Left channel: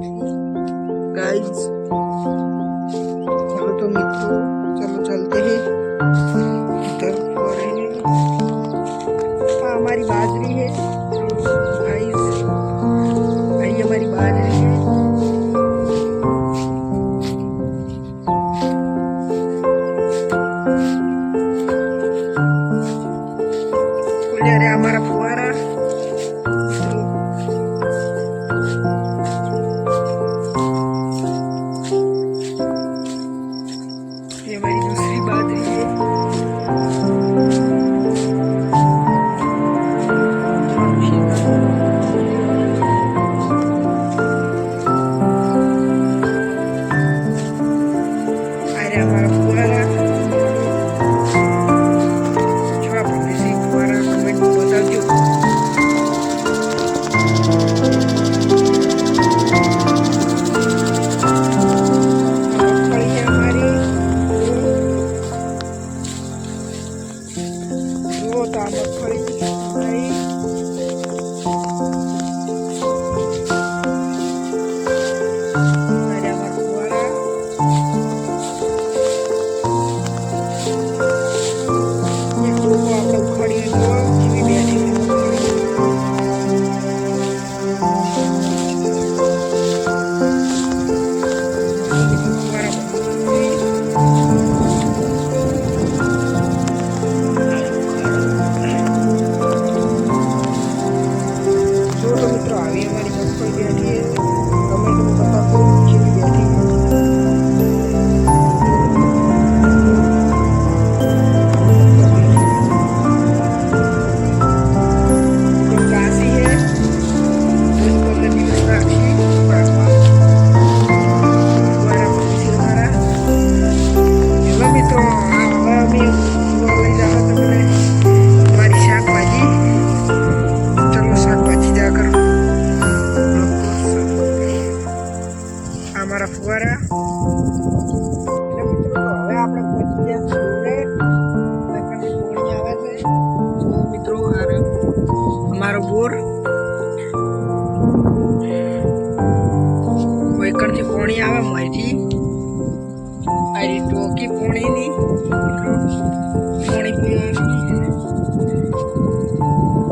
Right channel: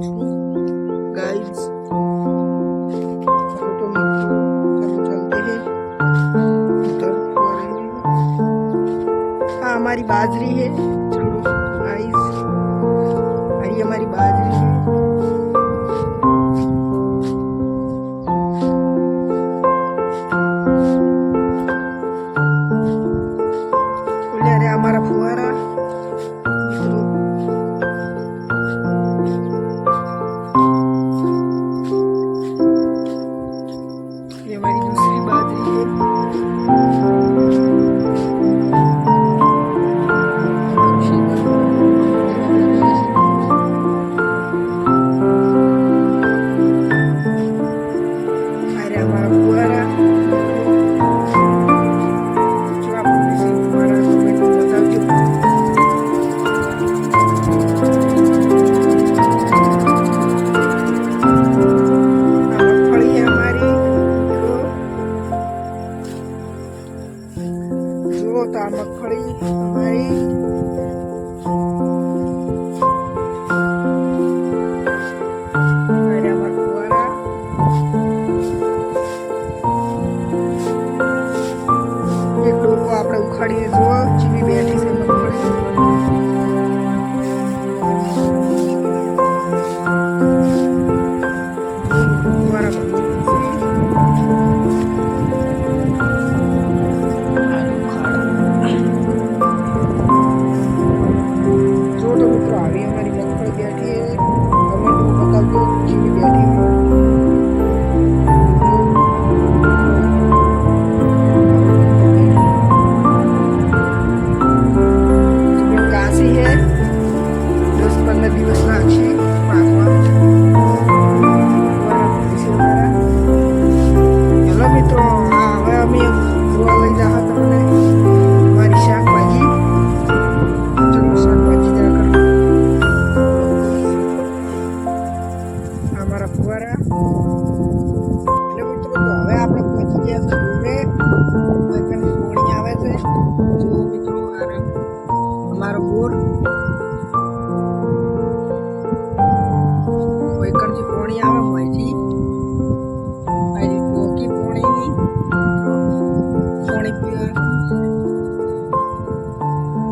Guys hello तो मित्रों, चलो चलते हैं उधर पर हमारी बाजरी है। चलो गाइस, भाई हमारी बाजरी है। अरे हमारा फुवारा मित्रों, ये हमारी दूसरी बाजरी है। अरे हमारा फुवारा जो आपने से फुवारा कमेंट में बता दो। मगफली है हमारी जो था मगफली हमारी। अरे हमारा फुवारा ये डोको આપણે ઉખાડીને જોવા જેવી બેઠી છે મગફળી। ફુવારા જો તો મિત્રો આવી અમારી મગફળી બેઠી છે। કમેન્ટમાં બતાવજો કેવી બેઠી છે। મિત્રો હવે અમે જોવા લઈ જવા તમને મારી શાકભાજી। ચલો શાકભાજી જા કરો। અમારા ફુવારા એટલે મિત્રો તો હવે આપણે પહોંચી ગયા છીએ પાણી આવે છે। જો મિત્રો અમારો બોર કોઈકણથી પાણી આવે મોયથી अरे टोकी पोणी नहीं मित्रों, पोणी पीवानी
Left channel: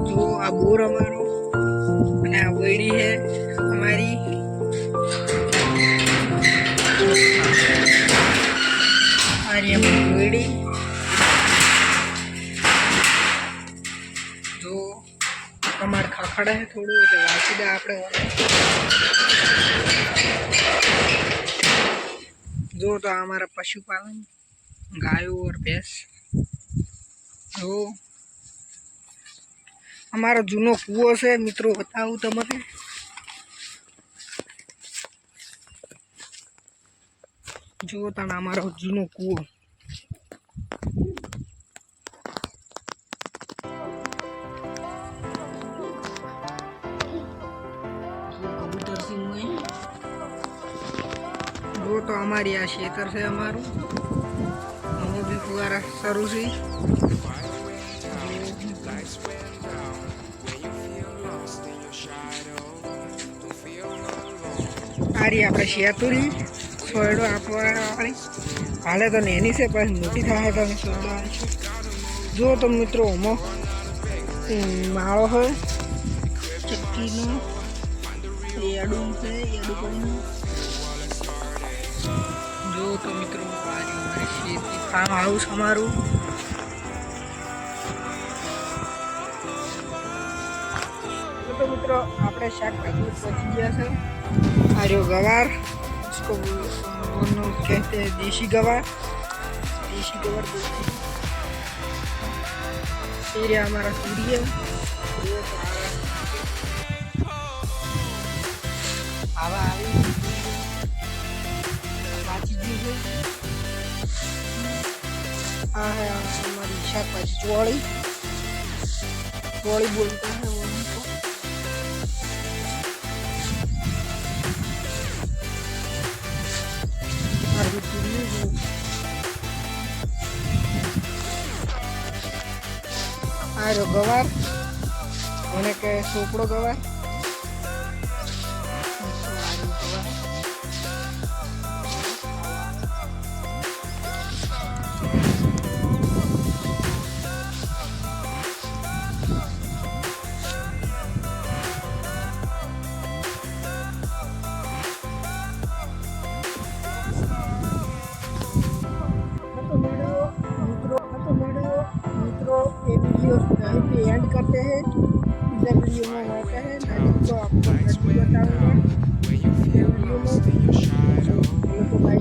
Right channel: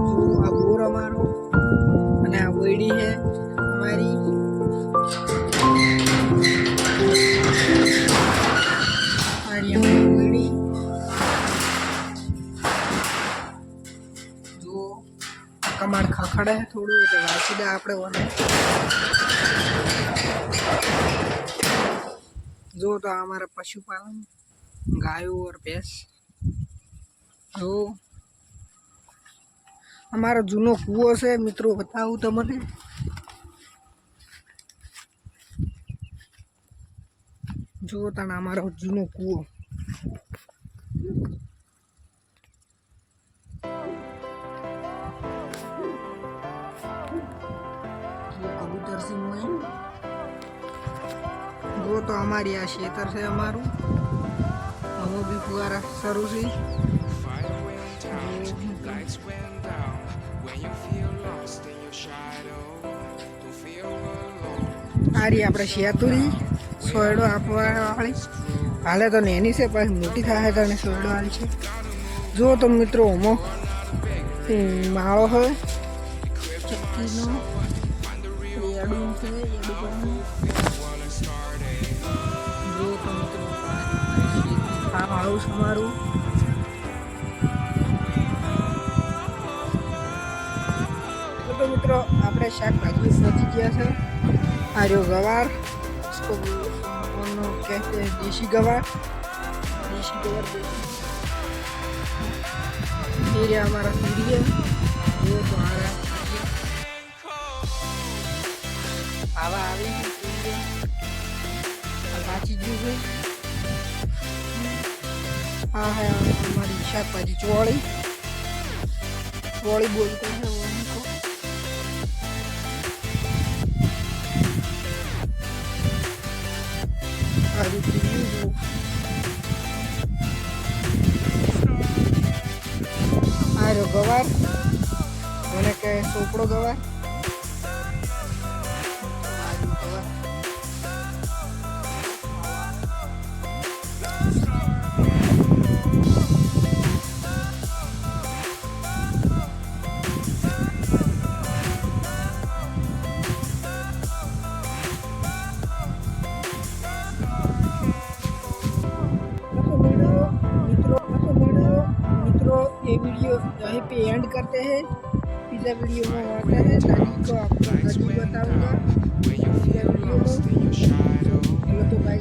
जो आ बोर हमारो અને આ વૈડી है हमारी। अरे हमारी वैड़ी जो कमाड़ खाखड़ा है थोड़ू એટલે વાંચી દે આપણે ઓને। जो तो हमारा पशुपालन गायों और भैंस। जो हमारा जूनो कुओ से मित्रों बताऊं तमने। जो तना हमारा जूनो कुओ कबूतर सिंह में वो तो हमारी आ क्षेत्र से हमारू हम भी फुवारा शुरू से। आ रही આપણે શેતુરી સોયડો આપવા વાળી હાલે તો નેની છે પછી મોટી થાય તો સોયડો આવી છે। જો તો મિત્રો ઓમો માળો હોય ચક્કીનો એડું છે એડું પણ जो तो मित्रों फार्म हाउस हमारू। तो मित्रों આપણે શાકભાજી પહોંચી ગયા છે। આ રહ્યો ગવાર, इसको कहते हैं देसी गवार। देसी गवार बोलते हैं। हमारा सूर्य वो तो आ रहा हवा આવી है। हाँ है हमारी शाकभाजी चौड़ी चौड़ी बोलते हैं वो उनको। जो आ रहा गवार मैंने कहे सोपड़ो गवार। ये वीडियो यहीं पे एंड करते हैं। इधर वीडियो में होता है नदी को आपको नदी बताऊंगा इधर वीडियो में। चलो तो भाई